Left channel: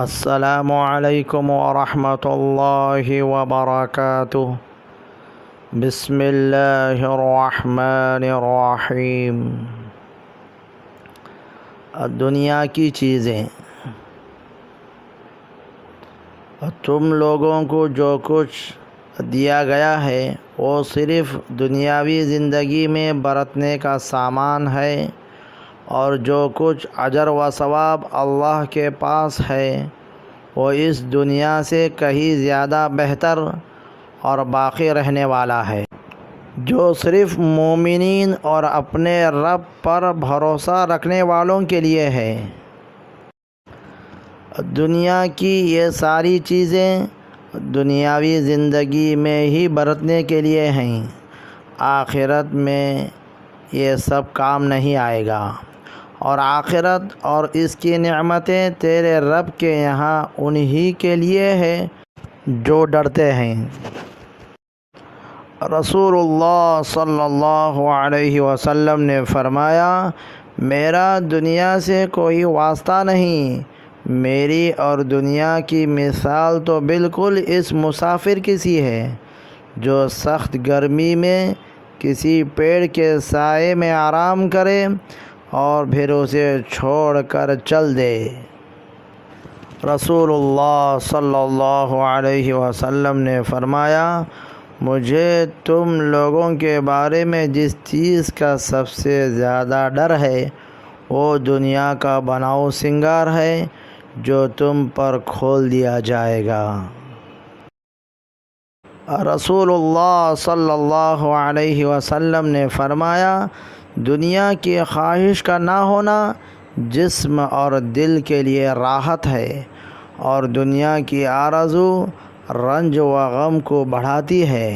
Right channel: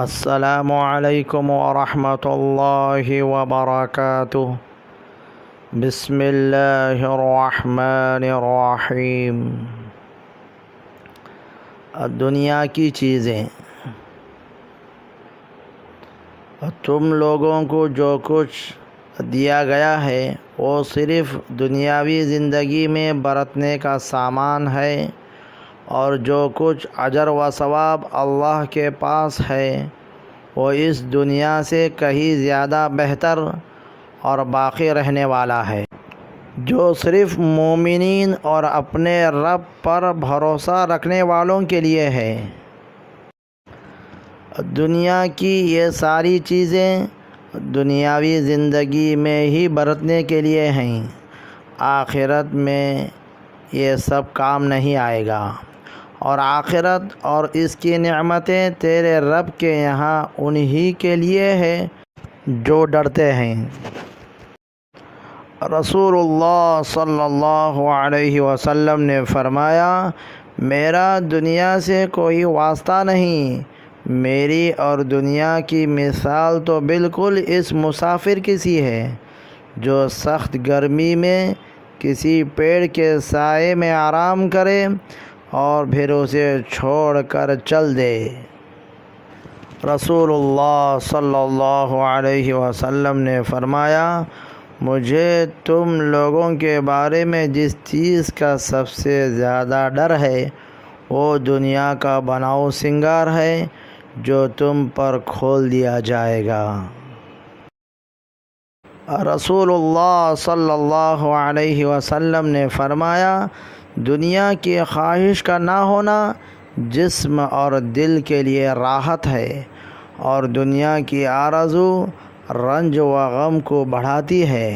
السلام علیکم ورحمۃ اللہ وبرکاتہ۔ بسم اللہ الرحمن الرحیم۔ دنیا کی چیزیں، تم لوگوں کو جو کچھ دیا گیا ہے وہ صرف دنیاوی زندگی میں برتنے کا سامان ہے، اور جو کچھ اجر و ثواب اللہ کے پاس ہے وہ اس دنیا سے کہیں زیادہ بہتر اور باقی رہنے والا ہے، جو صرف مومنین اور اپنے رب پر بھروسہ رکھنے والوں کے لیے ہے۔ دنیا کی یہ ساری چیزیں دنیاوی زندگی میں ہی برتنے کے لیے ہیں، آخرت میں یہ سب کام نہیں آئے گا، اور آخرت اور اس کی نعمتیں تیرے رب کے یہاں انہی کے لیے ہے جو ڈرتے ہیں۔ رسول اللہ صلی اللہ علیہ وسلم نے فرمایا، میرا دنیا سے کوئی واسطہ نہیں، میری اور دنیا کی مثال تو بالکل اس مسافر کی سی ہے جو سخت گرمی میں کسی پیڑ کے سائے میں آرام کرے اور پھر اسے چھوڑ کر چل دے۔ رسول اللہ صلی اللہ علیہ وسلم نے فرمایا، مجھے تم لوگوں کے بارے میں جس چیز کا سب سے زیادہ ڈر ہے وہ دنیا کا بناؤ سنگار ہے جو تم پر کھول دیا جائے گا۔ رسول اللہ صلی اللہ علیہ وسلم نے فرمایا، دنیا کی خواہش کا نہ ہونا جسم اور دل کے لیے راحت ہے، اور دنیا کی آرزو رنج و غم کو بڑھاتی ہے۔